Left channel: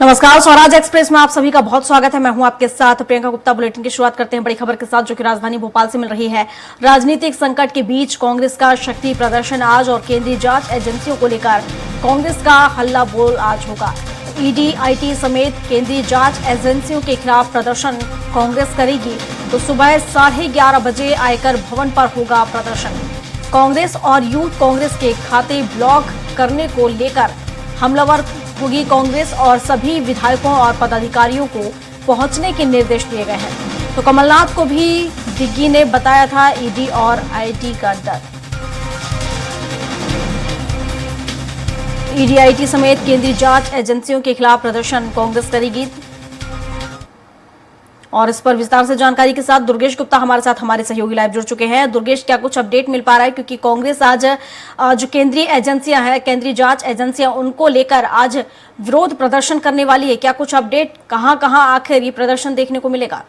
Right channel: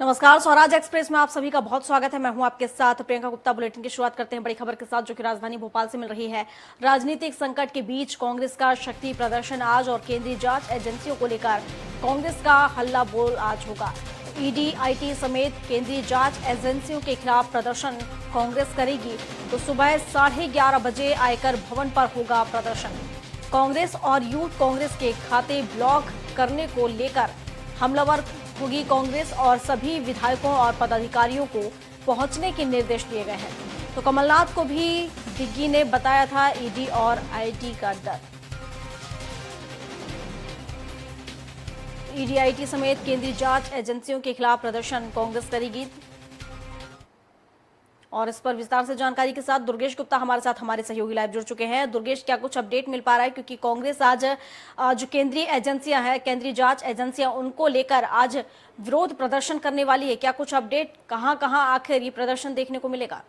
नमस्कार, स्वराज एक्सप्रेस में आप सभी का बहुत स्वागत है। मैं हूं आपके साथ प्रियंका गुप्ता। बुलेटिन की शुरुआत करते हैं बड़ी खबर के साथ, जो कि राजधानी भोपाल से मिल रही है। राजनीतिक संकट के बीच कांग्रेस का शक्ति प्रदर्शन आज और केंद्रीय जांच एजेंसियों को लेकर कांग्रेस का हल्ला बोल आज होगा। ईडी, आईटी समेत केंद्रीय जांच एजेंसियों के खिलाफ प्रदर्शन कांग्रेस करेगी तो सुबह 11:30 बजे आयकर भवन पर होगा प्रदर्शन। कांग्रेस और यूथ कांग्रेस के खाते ब्लॉक करने को लेकर हमलावर होगी कांग्रेस और सभी विधायकों और पदाधिकारियों को पहुंचने के निर्देश दिए गए हैं। तो कमलनाथ को भी दिग्गी ने बताया था ईडी और आईटी का डर। ईडी, आईटी समेत केंद्रीय जांच एजेंसियों के खिलाफ प्रदर्शन कांग्रेस करेगी। और इस पर विस्तार से जानकारी के साथ दुर्गेश गुप्ता हमारे साथ हमारे सहयोगी लाइव जुड़ चुके हैं। दुर्गेश, क्या कुछ अपडेट मिल पा रहा है? क्योंकि कांग्रेस आज जो केंद्रीय एजेंसियां हैं, केंद्रीय जांच एजेंसियां, उनको लेकर आज विरोध प्रदर्शन करने वाली है। क्या कुछ अपडेट, कहां कहां आखिर ये प्रदर्शन देखने को मिलेगा?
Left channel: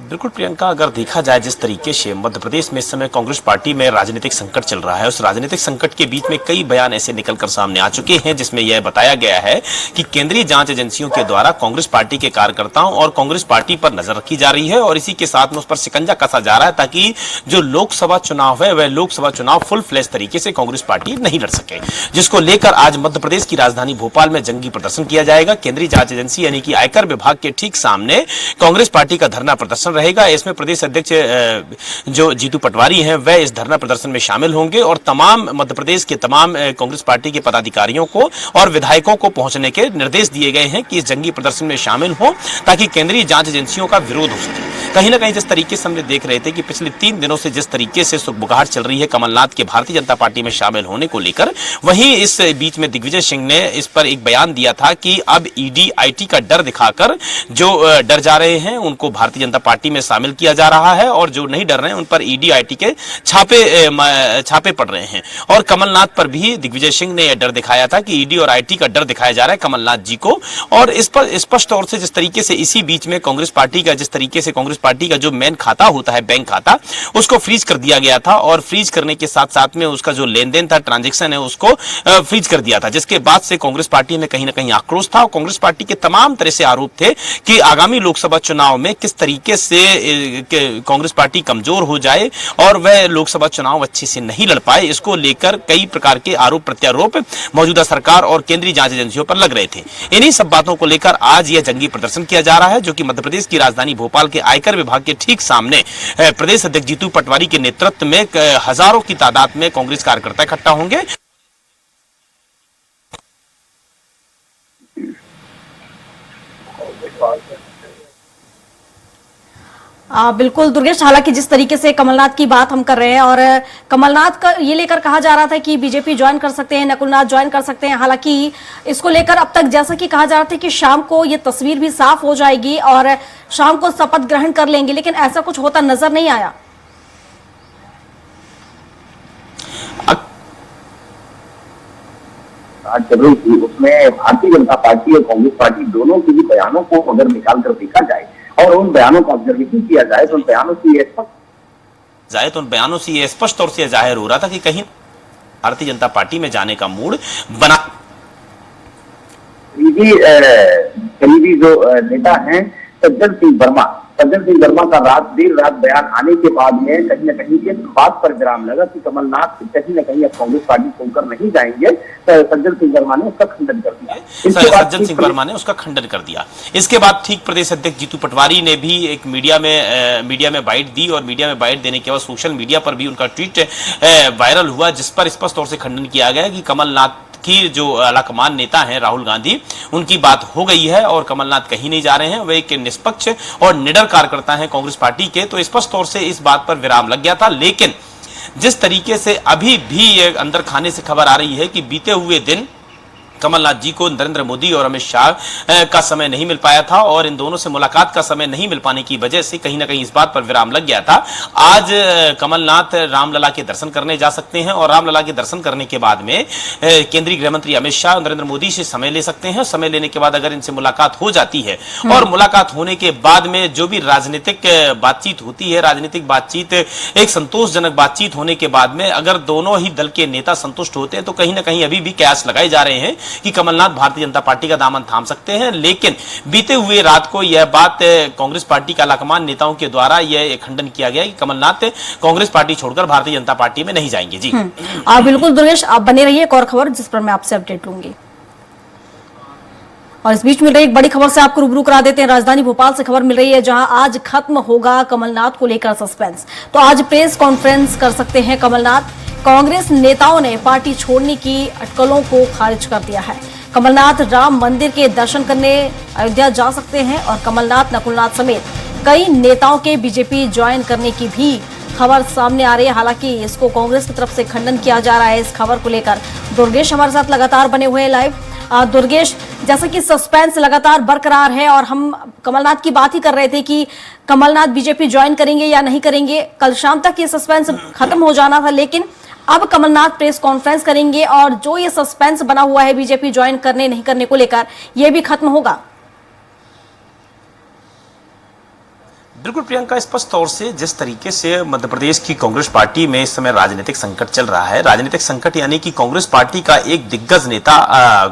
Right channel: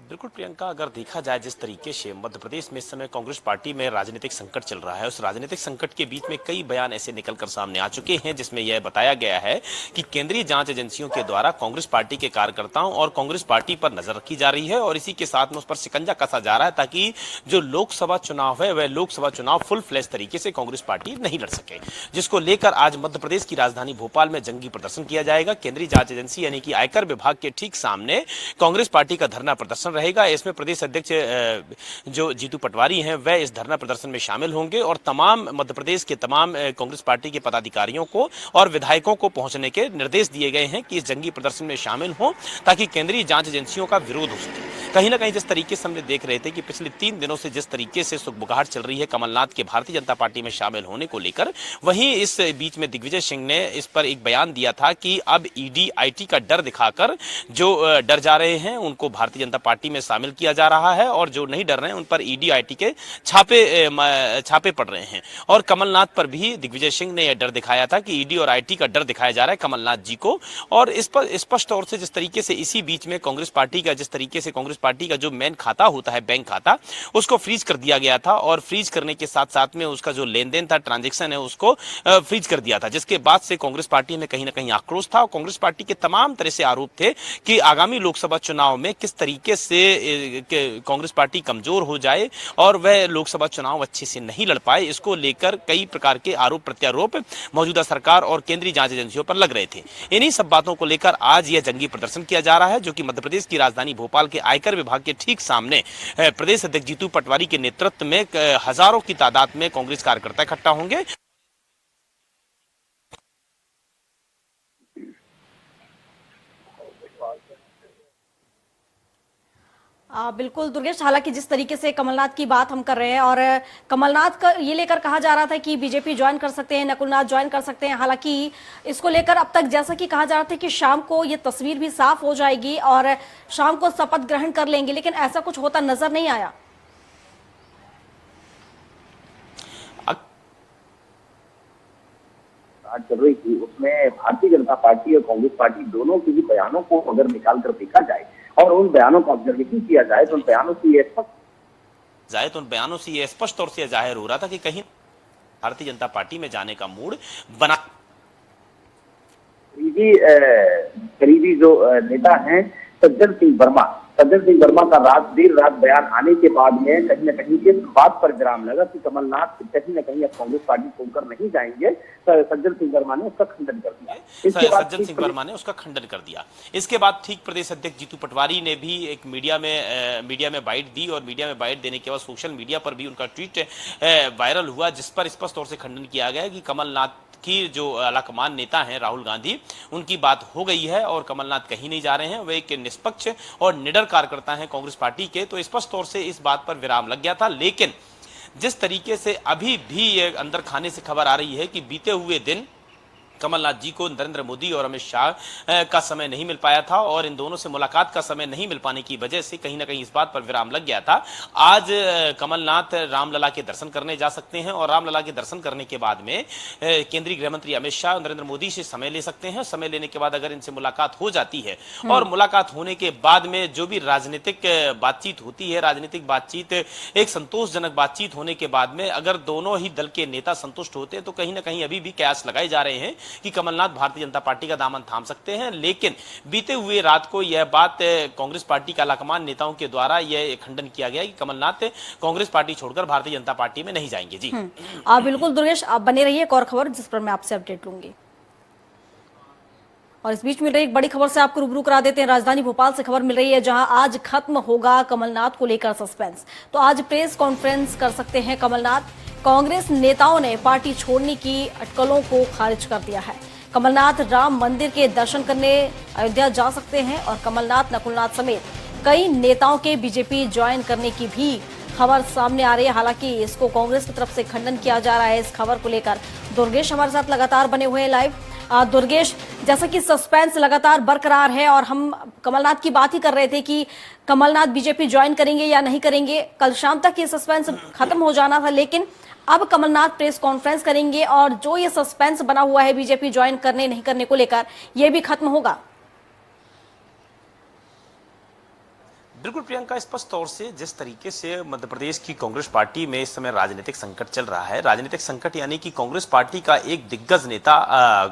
बिल्कुल प्रियंका, अगर देखा जाए जिस तरीके से मध्य प्रदेश में इस समय कांग्रेस पार्टी में राजनीतिक संकट चल रहा है, उस राजनीतिक संकट के बीच में कई बयान ऐसे निकलकर सामने आ चुके हैं जिसमें यह बताया गया है कि केंद्रीय जांच एजेंसियों के द्वारा कांग्रेस पार्टी के कार्यकर्ताओं और कांग्रेस पार्टी पर नजर रखी जा रही है और इसी के साथ में उस पर शिकंजा कसा जा रहा है ताकि जो लोकसभा चुनाव है वह लोकसभा चुनाव फुल फ्लैश तरीके से कांग्रेस पार्टी नहीं लड़ सके, जिसको लेकर आज मध्य प्रदेश की राजधानी भोपाल में जंगी प्रदर्शन किया जाएगा। केंद्रीय जांच एजेंसी यानी कि आयकर विभाग के ठीक सामने कांग्रेस पार्टी का धरना प्रदर्शन रहेगा। इसमें प्रदेश अध्यक्ष जो जीतू पटवारी हैं वह इस धरना प्रदर्शन में शामिल होंगे और तमाम मध्य प्रदेश के तमाम कांग्रेस पार्टी के पदाधिकारियों को और विधायकों को पहुंचने के निर्देश दिए गए हैं कि इस जंगी प्रदर्शन में शामिल हो ताकि केंद्रीय जांच एजेंसियों का विरोध हो सके। कहीं ना कहीं जिस तरीके से हमने देख रहे थे कि पिछले 3 दिनों से जिस तरीके से सुगबुगाहट चल रही है कमलनाथ के भारतीय जनता पार्टी में शामिल होने को लेकर, वहीं इस बीच में दिग्विजय सिंह ने इस पर एक बयान दिया था कि अब ईडी, आईटी का डर दिखाकर जो डर जा रहे हैं उनको भारतीय जनता पार्टी में शामिल किया जा रहा है और जो नहीं डर रहे हैं उन पर ईडी, आईटी के छापे पड़ रहे हैं। और कमलनाथ पर भी दिग्विजय सिंह ने यह डर दिखाया था कि ईडी और आईटी का डर दिखाया जा रहा है कमलनाथ जी को। और इस पर स्पष्ट तौर से जिस तरीके से इसी बीच में कांग्रेस पार्टी का जिस तरीके से कांग्रेस पार्टी का जो मेन खाता होता है, बैंक खाता, उसको फ्रीज कर दिया गया था और फ्रीज करने के साथ साथ में उसका जो लेन देन था, ट्रांजेक्शन है, उसको फ्रीज कर दिया था, जिसके बाद से कांग्रेस पार्टी में कहीं ना कहीं आक्रोश था और कांग्रेस पार्टी के तमाम तरह से आरोप थे कि आगामी लोकसभा चुनाव में किस तरीके से कांग्रेस पार्टी कमजोर हो जाए और वह लोकसभा चुनाव अच्छे से नहीं लड़ पाए। इसको लेकर कई प्रकार के आरोप प्रत्यारोप मौजूदा सरकार और केंद्रीय जांच एजेंसियों पर लग रहे थे। इन्हीं सब बातों को लेकर आज यह जंगी प्रदर्शन किया जा रहा है, जो कि मध्य प्रदेश की राजधानी भोपाल के आयकर विभाग के ठीक सामने प्रदेश अध्यक्ष जीतू पटवारी के नेतृत्व में हजारों की तादाद में कांग्रेस कार्यकर्ता इकट्ठा होंगे। बिल्कुल दुर्गेश, हालांकि जिस तरीके से कमलनाथ की बात हम कर रहे हैं और कमलनाथ का ये लेकर कहा जा रहा था कि बीजेपी ज्वाइन कर सकते हैं, नकुलनाथ ज्वाइन कर सकते हैं। हालांकि इसको लेकर अब तक जैसा कि कहा जा रहा था कि शाम को ये तस्वीर भी साफ हो जाएगी और शाम को शपथ ग्रहण कर लेंगे, लेकिन ऐसा कुछ होता नजर नहीं आया। आज चल रही थी उसमें भारतीय जनता पार्टी और कांग्रेस पार्टी दोनों के ही बयानों को अगर निकाल कर देखा जाए और उन बयानों का ऑब्जर्वेशन किया जाए तो उन बयानों से ये स्पष्ट तौर से जाहिर हो रहा था कि कहीं भारतीय जनता पार्टी में जाने का मूड बना। करीबी जो नेता हैं सज्जन सिंह वर्मा का देर रात बयान आने के बाद में कहीं न कहीं इस बात पर विराम लगा कि कमलनाथ कहीं न कहीं अब कांग्रेस पार्टी छोड़कर नहीं जाएंगे। सज्जन सिंह वर्मा ने उसका खंडन कर दिया। सज्जन सिंह वर्मा ने उसका खंडन कर दिया। इसके बाद ठीक प्रदेश अध्यक्ष जीतू पटवारी ने भी एक मीडिया में बाइट दी और मीडिया में बाइट देने के बाद सोशल मीडिया पर भी उनका ट्वीट वायरल हुआ, जिस पर स्पष्ट तौर से खंडन किया गया कि कमलनाथ की जो आलाकमान नेता हैं राहुल गांधी, उनकी बात हो गई है और कमलनाथ कहीं नहीं जा रहे हैं, वे एक निष्पक्ष और निडर कार्यकर्ता हैं कांग्रेस पार्टी के। तो स्पष्ट तौर से इस बात पर विराम लग गया था। लेकिन जिस तरीके से अभी भी अंदर खाने से खबर आ रही है कि बीते हुए दिन कमलनाथ जी को नरेंद्र मोदी और अमित शाह का समय नहीं मिल पाया था और इन दोनों से मुलाकात का समय नहीं मिल पाने की वजह से कहीं ना कहीं इस बात पर विराम लग गया था। आज कमलनाथ रामलला के दर्शन करने जा सकते हैं और रामलला के दर्शन करने के बाद में केंद्रीय गृह मंत्री अमित शाह नरेंद्र मोदी से समय ले सकते हैं। समय लेने के बाद अगर इनसे मुलाकात हो जाती है और मुलाकात होने के बाद में जो भी राजनीतिक बातचीत होती है, राजनीतिक बातचीत एक संतोषजनक बातचीत होने के बाद में अगर दोनों ही दल के नेता संतुष्ट होते हैं तो कहीं ना कहीं अभी भी कयास लगाए जा रहे हैं कि कमलनाथ भारतीय जनता पार्टी का दामन थाम सकते हैं, लेकिन बीते हुए रात को यह बात कांग्रेस पार्टी के आलाकमान नेताओं के द्वारा यह खंडन किया गया कि कमलनाथ कांग्रेस पार्टी छोड़कर भारतीय जनता पार्टी में नहीं जाएंगे। जी बिल्कुल दुर्गेश, आप बने रहिए, एक और खबर जिस पर मैं आपसे अपडेट लूंगी। और इस बीच मिल रही एक बड़ी खबर से आपको रूबरू करा देते हैं। राजधानी भोपाल से खबर मिल रही है, जहां आज खत्म होगा कमलनाथ को लेकर सस्पेंस। तो आज प्रेस कॉन्फ्रेंस कर सकते हैं कमलनाथ। कांग्रेस नेताओं ने पार्टी छोड़ने की अटकलों को खारिज कर दिया है। कमलनाथ राम मंदिर के दर्शन करने अयोध्या जा सकते हैं और कमलनाथ, नकुलनाथ समेत कई नेताओं के बीजेपी ज्वाइन करने की भी खबर सामने आ रही है। हालांकि इसको कांग्रेस की तरफ से खंडन किया जा रहा है। इस खबर को लेकर दुर्गेश हमारे साथ लगातार बने हुए हैं लाइव। दुर्गेश, जैसा कि सस्पेंस लगातार बरकरार है और हम कमलनाथ की बात ही कर रहे थे कि कमलनाथ बीजेपी ज्वाइन करेंगे या नहीं करेंगे, कल शाम तक ये सस्पेंस खत्म हो जाना था, लेकिन अब कमलनाथ प्रेस कॉन्फ्रेंस करेंगे और जो ये सस्पेंस बना हुआ है बीजेपी ज्वाइन करने नहीं करने को लेकर, ये भी खत्म होगा। बिल्कुल प्रियंका, स्पष्ट तौर से जिस तरीके से मध्य प्रदेश की कांग्रेस पार्टी में इस समय राजनीतिक संकट चल रहा है, राजनीतिक संकट यानी कि कांग्रेस पार्टी का एक दिग्गज नेता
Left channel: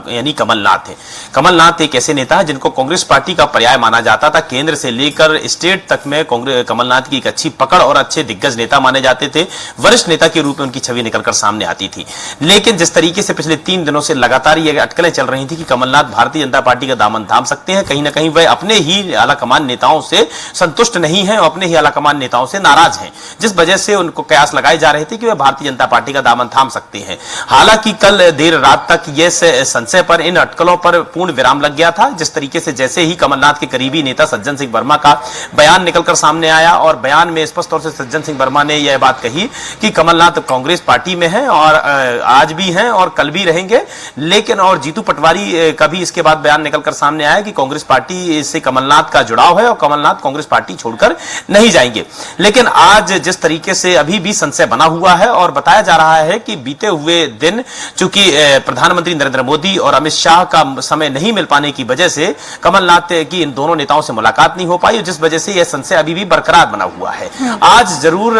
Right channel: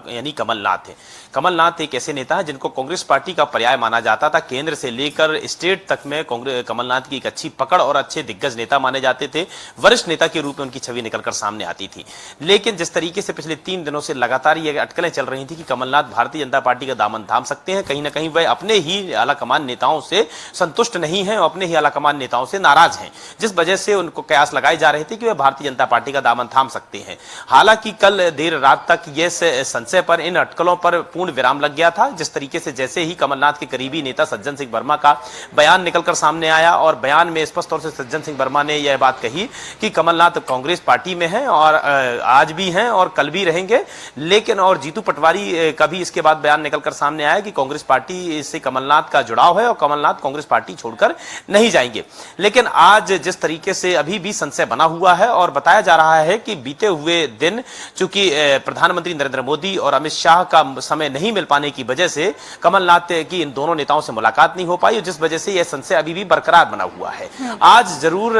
यानी कमलनाथ है। कमलनाथ एक ऐसे नेता है जिनको कांग्रेस पार्टी का पर्याय माना जाता था। केंद्र से लेकर स्टेट तक में कमलनाथ की एक अच्छी पकड़ और अच्छे दिग्गज नेता माने जाते थे। वरिष्ठ नेता के रूप में उनकी छवि निकलकर सामने आती थी। लेकिन जिस तरीके से पिछले 3 दिनों से लगातार ये अटकलें चल रही थी कि कमलनाथ भारतीय जनता पार्टी का दामन थाम सकते हैं, कहीं ना कहीं वह अपने ही आलाकमान नेताओं से संतुष्ट नहीं है और अपने ही आलाकमान नेताओं से नाराज हैं, जिस वजह से उनको कयास लगाए जा रहे थे कि वे भारतीय जनता पार्टी का दामन थाम सकते हैं। हालांकि कल देर रात तक यह संशय पर, इन अटकलों पर पूर्ण विराम लग गया था। जिस तरीके से जैसे ही कमलनाथ के करीबी नेता सज्जन सिंह वर्मा का बयान निकलकर सामने आया और बयान में स्पष्ट तौर से सज्जन सिंह वर्मा ने यह बात कही कि कमलनाथ कांग्रेस पार्टी में है और आज भी हैं और कल भी रहेंगे। लेकिन और जीतू पटवारी का भी इसके बाद बयान निकलकर सामने आया कि कांग्रेस पार्टी से कमलनाथ का जुड़ाव है और कमलनाथ कांग्रेस पार्टी छोड़कर नहीं जाएंगे। लेकिन आज जिस तरीके से अभी भी संशय बना हुआ है और बताया जा रहा है कि बीते हुए दिन चूंकि प्रधानमंत्री नरेंद्र मोदी और अमित शाह का समय नहीं मिल पाने की वजह से कमलनाथ की इन दोनों नेताओं से मुलाकात नहीं हो पाई, जिस वजह से यह संशय अभी भी बरकरार बना हुआ है। आज जरूर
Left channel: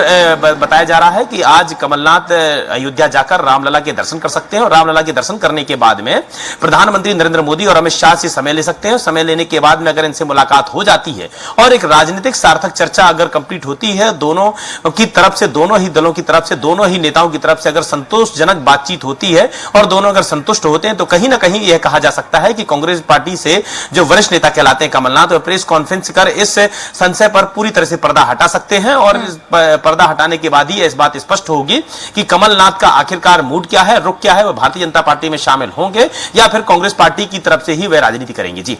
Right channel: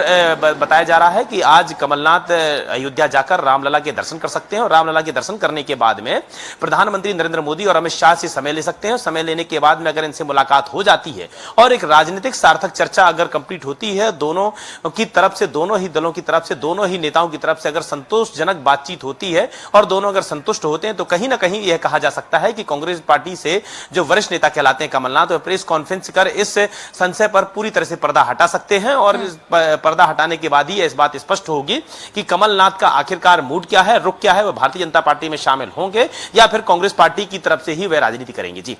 बताया जा रहा है कि आज कमलनाथ अयोध्या जाकर रामलला के दर्शन कर सकते हैं और रामलला के दर्शन करने के बाद में प्रधानमंत्री नरेंद्र मोदी और अमित शाह से समय ले सकते हैं। समय लेने के बाद में अगर इनसे मुलाकात हो जाती है और एक राजनीतिक सार्थक चर्चा अगर कंप्लीट होती है, दोनों की तरफ से, दोनों ही दलों की तरफ से, दोनों ही नेताओं की तरफ से अगर संतोषजनक बातचीत होती है और दोनों अगर संतुष्ट होते हैं, तो कहीं ना कहीं यह कहा जा सकता है कि कांग्रेस पार्टी से जो वरिष्ठ नेता कहलाते हैं कमलनाथ, वह प्रेस कॉन्फ्रेंस कर इस संशय पर पूरी तरह से पर्दा हटा सकते हैं और इस पर्दा हटाने के बाद ही इस बात स्पष्ट होगी कि कमलनाथ का आखिरकार मूड क्या है, रुख क्या है, वह भारतीय जनता पार्टी में शामिल होंगे या फिर कांग्रेस पार्टी की तरफ से ही वह राजनीति करेंगे। जी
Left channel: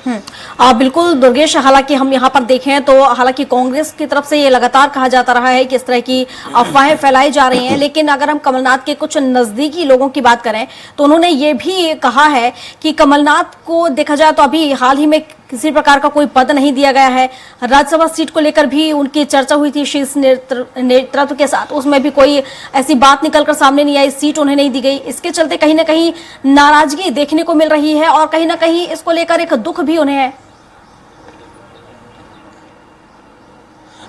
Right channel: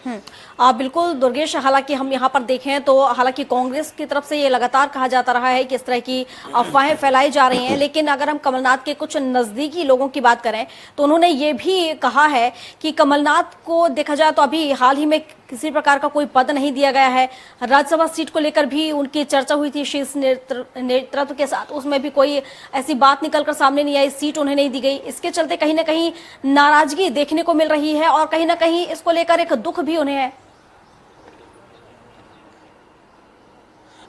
बिल्कुल दुर्गेश, हालांकि हम यहाँ पर देखें तो हालांकि कांग्रेस की तरफ से ये लगातार कहा जाता रहा है कि इस तरह की अफवाहें फैलाई जा रही हैं, लेकिन अगर हम कमलनाथ के कुछ नजदीकी लोगों की बात करें तो उन्होंने ये भी कहा है कि कमलनाथ को देखा जाए तो अभी हाल ही में किसी प्रकार का कोई पद नहीं दिया गया है। राज्यसभा सीट को लेकर भी उनकी चर्चा हुई थी शीर्ष नेतृत्व के साथ, उसमें भी कोई ऐसी बात निकलकर सामने नहीं आई, सीट उन्हें नहीं दी गई। इसके चलते कहीं ना कहीं नाराजगी देखने को मिल रही है और कहीं ना कहीं इसको लेकर एक दुख भी उन्हें है।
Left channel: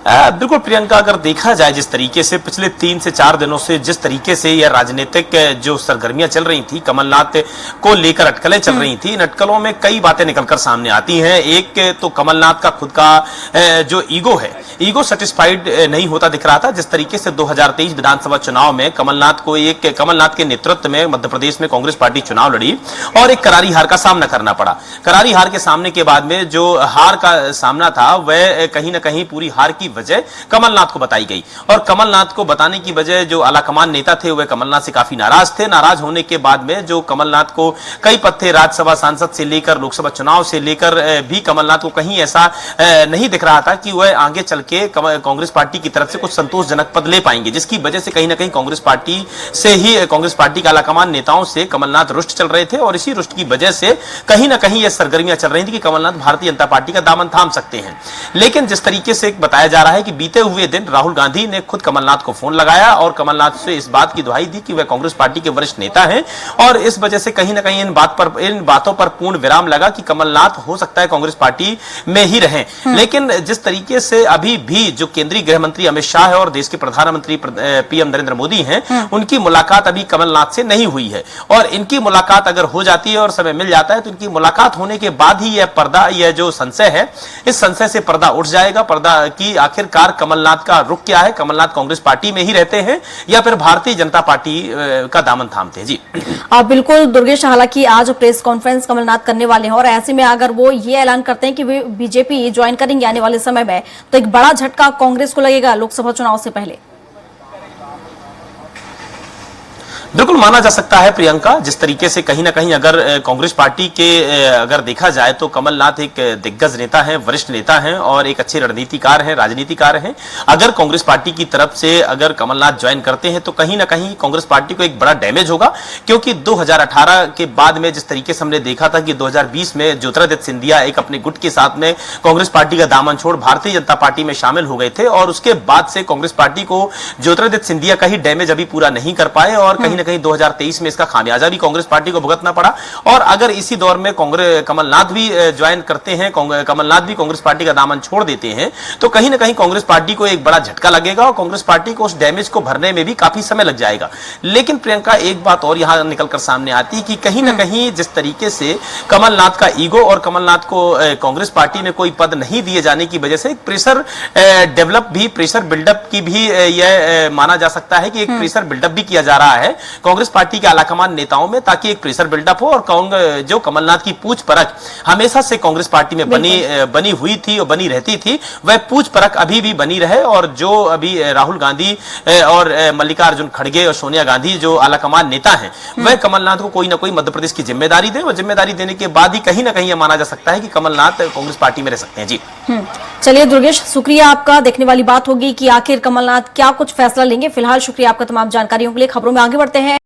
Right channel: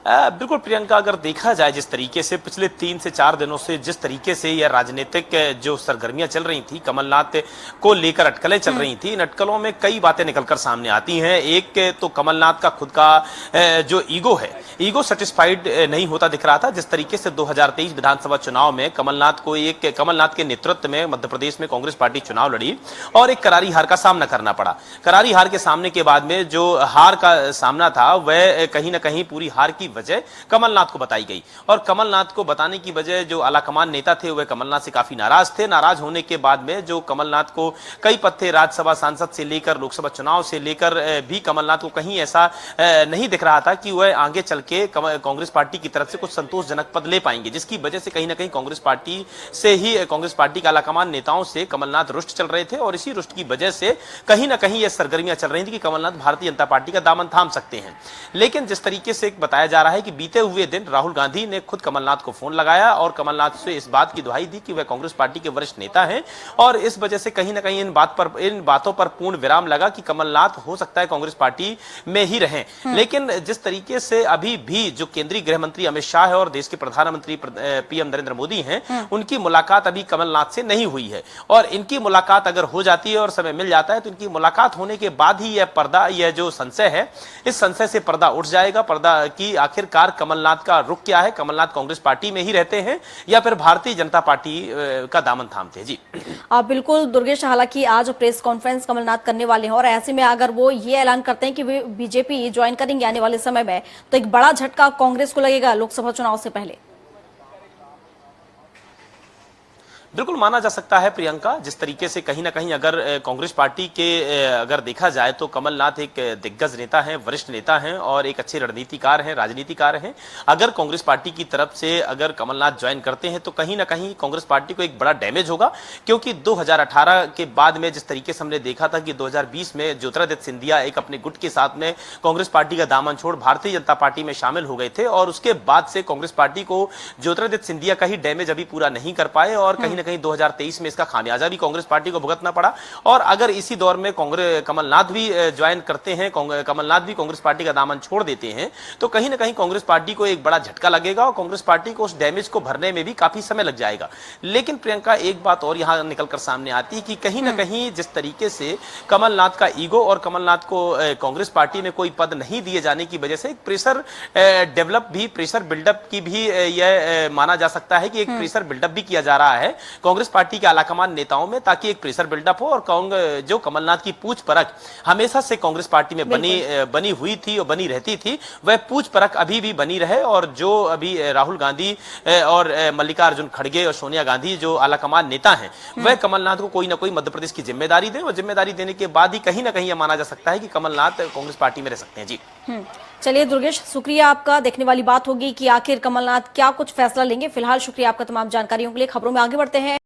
बिल्कुल प्रियंका, अगर देखा जाए जिस तरीके से पिछले 3 से 4 दिनों से जिस तरीके से यह राजनीतिक जो सरगर्मियां चल रही थी, कमलनाथ को लेकर अटकलें चल रही थी, इन अटकलों में कई बातें निकलकर सामने आती हैं। एक तो कमलनाथ का खुद का जो ईगो है, ईगो सेटिस्फाइड नहीं होता दिख रहा था। जिस तरीके से 2023 विधानसभा चुनाव में कमलनाथ के नेतृत्व में मध्य प्रदेश में कांग्रेस पार्टी चुनाव लड़ी और एक करारी हार का सामना करना पड़ा। करारी हार के सामने के बाद में जो हार का सामना था वह कहीं ना कहीं पूरी हार की वजह कमलनाथ को बताई गई और कमलनाथ को बताने की वजह जो आलाकमान नेता थे वह कमलनाथ से काफी नाराज थे। नाराज होने के बाद में जो कमलनाथ को कई पद थे, राज्यसभा सांसद से लेकर लोकसभा चुनाव से लेकर भी कमलनाथ को कहीं ऐसा नहीं दिख रहा था कि वह आगे चल के कांग्रेस पार्टी की तरफ से कुछ संतोषजनक पद ले पाएंगे, जिसकी वजह से कहीं ना कहीं कांग्रेस पार्टी से ही कांग्रेस पार्टी के आलाकमान नेताओं से कमलनाथ रुष्ट चल रहे थे और इसी रुष्ट की वजह से कहीं ना कहीं यह सरगर्मियां चल रही थी कि कमलनाथ भारतीय जनता पार्टी का दामन थाम सकते हैं। लेकिन जिस तरीके से बताया जा जा रहा है कि बीते हुए दिन राहुल गांधी ने खुद कमलनाथ को फोन लगाया और कमलनाथ से इस बात की दुहाई दी कि वह कांग्रेस पार्टी के वरिष्ठ नेता हैं और इस वजह से कहीं ना कहीं इन बातों पर पूर्ण विराम लगा कि कमलनाथ हो सकता है कांग्रेस पार्टी में ही रहें। लेकिन जिस तरीके से अभी भी जो केंद्रीय गृह मंत्री अमित शाह है और देश के प्रधानमंत्री पीएम नरेंद्र मोदी हैं, उनकी मुलाकात अभी कमलनाथ से नहीं हुई है और इनकी मुलाकात अगर हो जाती है और समय मिल जाता है तो इनकी मुलाकात होने के बाद ही यह जो संशय है, इस संशय से पर्दा उठ जाएगा। पर्दा की आखिरकार कमलनाथ का रुख क्या है, कमलनाथ कांग्रेस पार्टी में ही रहते हैं या फिर भारतीय जनता पार्टी का दामन थामते हैं। जी बिल्कुल दुर्गेश, हालांकि आज प्रेस कॉन्फ्रेंस कमलनाथ करने वाले हैं और ऐसे में अगर वो ये ऐलान करते हैं कि वे बीजेपी ज्वाइन करेंगे आने वाले समय में, तो एक बड़ा झटका कांग्रेस को लगेगा लोकसभा चुनाव से पहले। बिल्कुल माना जा सकता है प्रियंका, जिस तरीके से कहीं ना कहीं अगर कांग्रेस पार्टी के अगर देखा जाए तो कमलनाथ एक दिग्गज नेता हैं, वरिष्ठ नेता हैं और एक अच्छे रणनीतिकार हैं, राजनीतिकार हैं। अगर कांग्रेस पार्टी की तरफ से अगर कमलनाथ ज्वाइन करते हैं तो कहीं ना कहीं कांग्रेस पार्टी को एक बड़ा डैमेज होगा, क्योंकि 2018 के बाद में जिस तरीके से हमने देखा था कि 2020 में ज्योतिरादित्य सिंधिया एक अपने गुट के साथ में कांग्रेस पार्टी का दामन छोड़ भारतीय जनता पार्टी में शामिल हो गए थे और उसके बाद से कांग्रेस पार्टी को ज्योतिरादित्य सिंधिया का ही डैमेज अभी पूरा नहीं कर पाए और कहीं ना कहीं 2023 में इसका खामियाजा भी कांग्रेस पार्टी को भुगतना पड़ा। और अगर इसी दौर में कमलनाथ भी ज्वाइन करते हैं, कमलनाथ भी कांग्रेस पार्टी का दामन छोड़ देते हैं तो कहीं ना कहीं कांग्रेस पार्टी को एक बड़ा झटका लगेगा और कांग्रेस पार्टी को उस डैमेज को भरने में भी काफी समय लग जाएगा। लेकिन प्रियंका, एक बात और यहां निकलकर सामने आती है कि कहीं ना कहीं जिस तरीके से कमलनाथ का ईगो और कमलनाथ को कांग्रेस पार्टी में कोई पद नहीं दिए जाने की वजह से एक प्रेशर बिल्डअप की भी यह माना जा सकता है कि एक प्रेशर बिल्डअप भी किया जा रहा है कांग्रेस पार्टी के आलाकमान नेताओं में, ताकि एक प्रेशर बिल्डअप हो और जो कमलनाथ की पूछ परख हमेशा से कांग्रेस पार्टी में बनी हुई थी और बनी रहती थी, वह पूछ परख अभी भी बनी रहे और जो अभी राहुल गांधी और मल्लिकार्जुन खड़गे और सोनिया गांधी जो आलाकमान नेता हैं, वह कमलनाथ को कोई ना कोई मध्य प्रदेश की जिम्मेदारी दें और जिम्मेदारी देने के बाद ही कहीं ना कहीं यह माना जा सकता है कि कमलनाथ कांग्रेस पार्टी में रह सकते हैं। जी चलिए दुर्गेश, शुक्रिया आपका। देखने वाली बात होगी कि आखिर कमलनाथ क्या कुछ फैसला लेंगे। फिलहाल शुक्रिया आपका तमाम जानकारियों के लिए। खबरों में आगे बढ़ते हैं।